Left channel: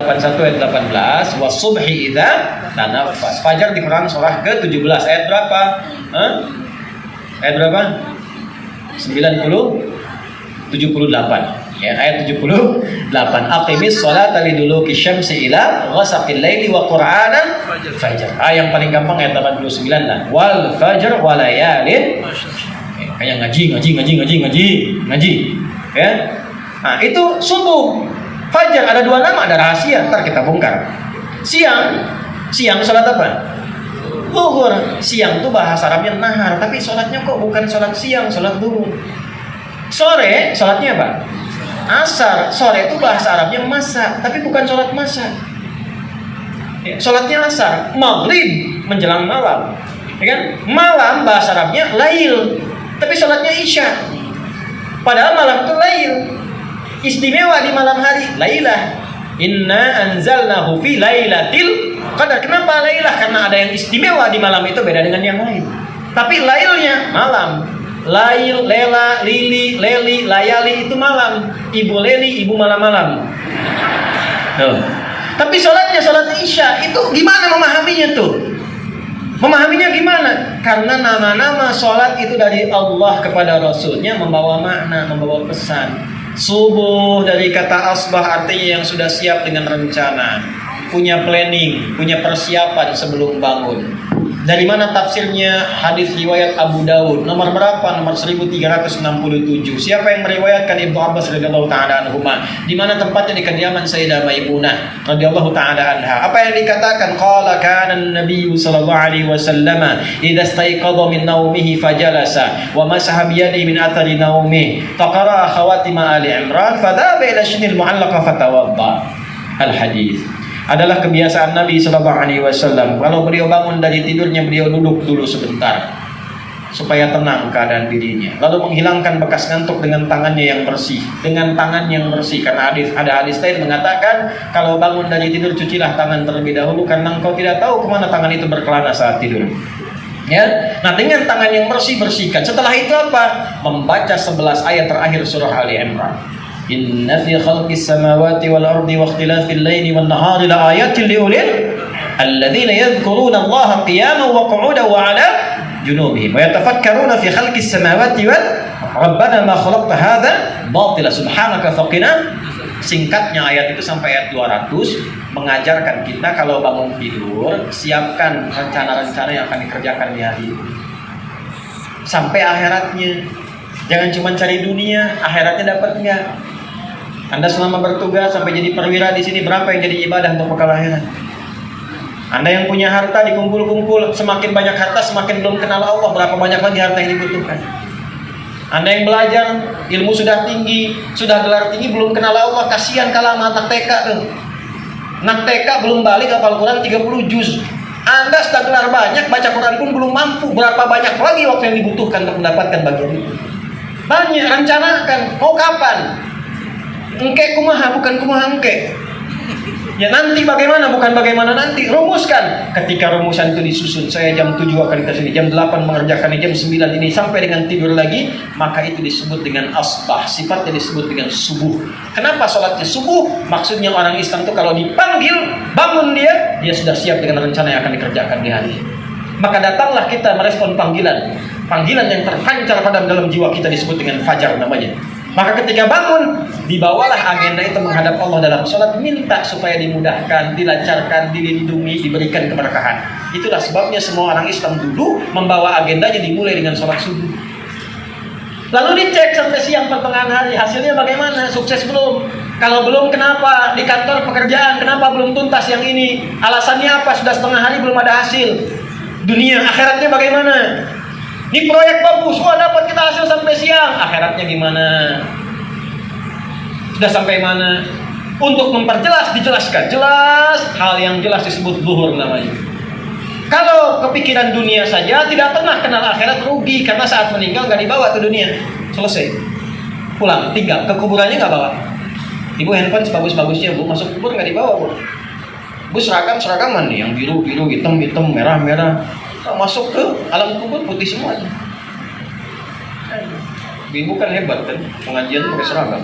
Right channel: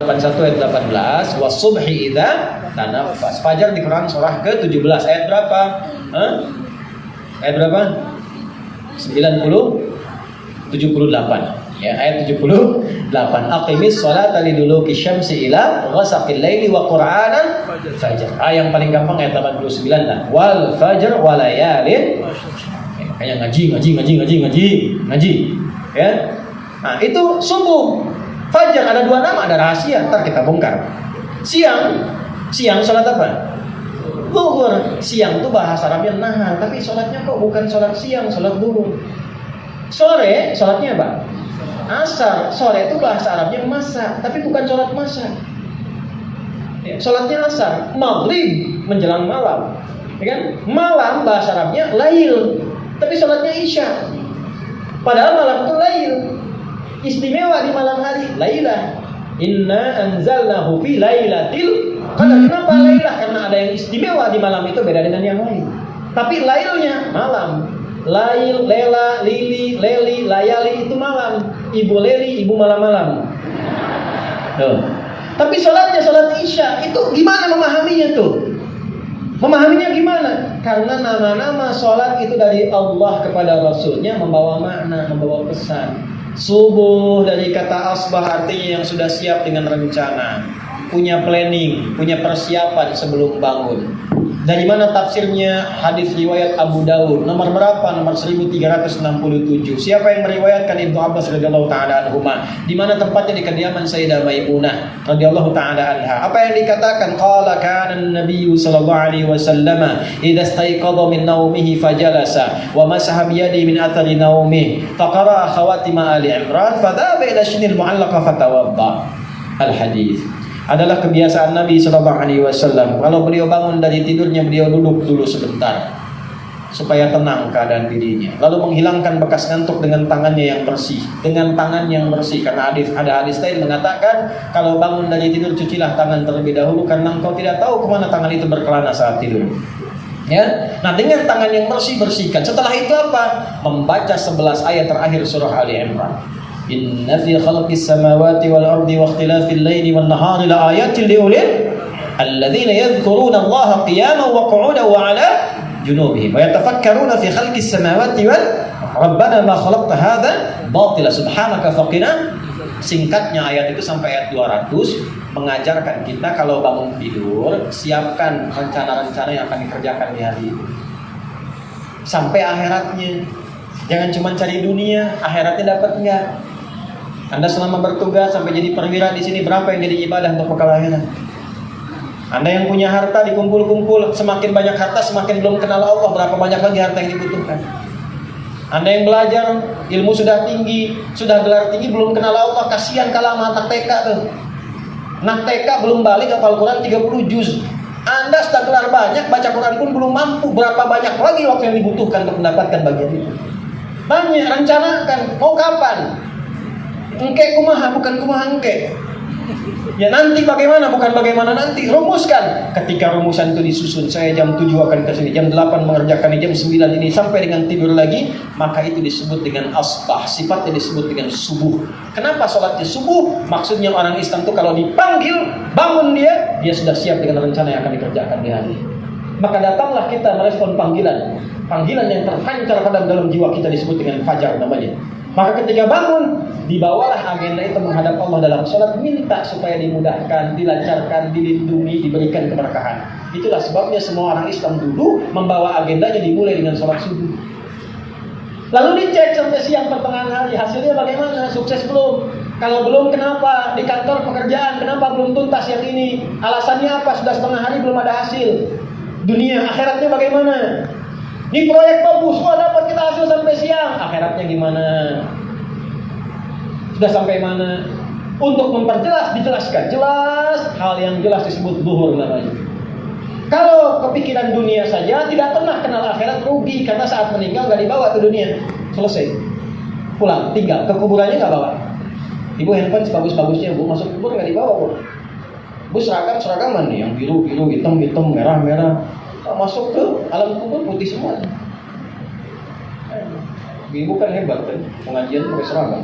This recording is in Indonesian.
81 ayat 18, wasubhi idza tanaffas. Fajar di Quran surah ke-17 ayat berapa? Ayat berapa? 78. Ya, ayat 78. Aqimis sholata liduluki syamsi ila ghasaqil laili wa qur'anan fajr. Yang paling gampang ayat 89 lah. Wal fajr wa layalin. Kayak ngaji. Ya. Nah, itu subuh. Fajar ada dua nama, ada rahasia, ntar kita bongkar. Siang salat apa? Zuhur. Siang itu bahasa Arabnya nahar, tapi salatnya kok bukan salat siang, salat zuhur. Sore, salatnya apa? Asar. Sore itu bahasa Arabnya masa, tapi bukan salat masa. Ya, salatnya asar. Maghrib menjelang malam. Ya kan? Malam bahasa Arabnya lail, tapi salatnya isya. Padahal malam itu lail. Istimewa di malam hari, lailah. Inna anzalnahu fi lailatil qadar. Kenapa lailah? Karena ada yang istimewa di malam itu beda dengan yang lain. Tapi lailnya malam. Lail, lela, lili, leli, layali itu malam. Ibu leli, ibu malam-malam. Tuh. Tapi sholatnya sholat isya itu gimana memahaminya tuh? Memahaminya gimana? Karena nama-nama sholat itu dari Allah kepada Rasulnya membawa makna, membawa pesan. Subuh dari kata asbah artinya yang sudah siap dengan rencana, punya planning, punya persiapan sebelum bangun. Dari mana tafsirnya? Hadis riwayat Abu Dawud nomor berapa? Nomor 1367. Siapa yang meriwayatkan? Ibnu Abbas radhiyallahu taala anhuma. Di mana tempatnya? Di kediaman Sayyidah Maimunah radhiyallahu taala anha. Apa yang dikatakan? Qala kana an-nabiy sallallahu alaihi wasallam idza istayqadha min naumihi fajalasa wa masaha bi yadihi min athari naumihi faqara khawatim ali Imran fadaba ila shinil mu'allaqa fatawadda. Al-hadis adalah kebiasaan Nabi Sallallahu Alaihi Wasallam. Kalau beliau bangun dari tidurnya, beliau duduk dulu sebentar supaya tenang keadaan dirinya. Lalu menghilangkan bekas ngantuk dengan tangannya yang bersih. Dengan tangan yang bersih. Karena ada hadis lain mengatakan kalau bangun dari tidur cucilah tangan terlebih dahulu karena engkau tidak tahu kemana tangan itu berkelana saat tidur. Ya, nah dengan tangan yang bersih bersihkan. Setelah itu apa? Membaca 11 ayat terakhir surah Ali Imran. Inna fi khalqis samawati wal ardi wa ikhtilafil laili wan nahari la ayatin liulil alladzina yadhkuruna Allaha qiyaman wa qu'udan wa 'ala junubihim wa yatafakkaruna fi khalqis samawati wal rabbana ma khalaqta hadza batila subhanaka faqina. Singkatnya ayat itu sampai ayat 200 mengajarkan kita kalau bangun tidur siapkan rencana-rencana yang akan dikerjakan di hari itu sampai akhiratnya. Jangan cuma cari dunia, akhiratnya dapat enggak? Anda selama bertugas sampai jadi perwira di sini berapa yang jadi ibadah untuk bekal akhirat? Anda yang punya harta dikumpul-kumpul, semakin banyak harta semakin belum kenal Allah, berapa banyak lagi harta yang dibutuhkan? Anda yang belajar ilmu sudah tinggi, sudah gelar tinggi belum kenal Allah, kasihan kalah anak TK tuh. Anak TK belum balik hafal Quran 30 juz. Anda sudah gelar banyak, baca Quran pun belum mampu, berapa banyak lagi waktu yang dibutuhkan untuk mendapatkan bagian itu? Banyak, rencanakan, mau kapan? Engke kumaha bukan kumaha engke. Ya nanti bagaimana bukan bagaimana nanti. Rumuskan. Ketika rumusan itu disusun, saya jam 7 akan ke sini, jam 8 mengerjakan ini, jam 9 ini sampai dengan tidur lagi, maka itu disebut dengan asbah. Sifatnya disebut dengan subuh. Kenapa sholatnya subuh? Maksudnya orang Islam itu kalau dipanggil, bangun dia sudah siap dengan rencana yang akan dikerjakan di hari. Maka datanglah kita merespon panggilan. Panggilan yang terpancar pada dalam jiwa kita disebut dengan fajar namanya. Maka ketika bangun, dibawalah agenda itu menghadap Allah dalam sholat, minta supaya dimudahkan, dilancarkan, dilindungi, diberikan keberkahan. Itulah sebabnya semua orang Islam dulu membawa agendanya dimulai dengan sholat subuh. Lalu dicek sampai siang pertengahan hari, hasilnya bagaimana? Sukses belum? Kalau belum, kenapa? Di kantor pekerjaan, kenapa belum tuntas yang ini? Alasannya apa? Sudah setengah hari belum ada hasil. Dunia, akhiratnya bagaimana? Ini proyek bagus, dapat kita hasil sampai siang. Akhiratnya gimana? Sudah sampai mana? Untuk memperjelas, dijelaskan. Jelas, hal yang jelas disebut zuhur namanya. Kalau kepikiran dunia saja, tidak pernah kenal akhirat, rugi. Karena saat meninggal nggak dibawa ke dunia. Selesai. Pulang, tinggal. Ke kuburannya nggak bawa. Ibu handphone sebagus-bagusnya, Bu. Masuk kubur nggak dibawa, Bu. Bu seragaman nih, yang biru-biru, hitam-hitam, merah-merah. Masuk ke alam kubur putih semuanya. Ibu kan hebat kan, pengajian pakai seragam.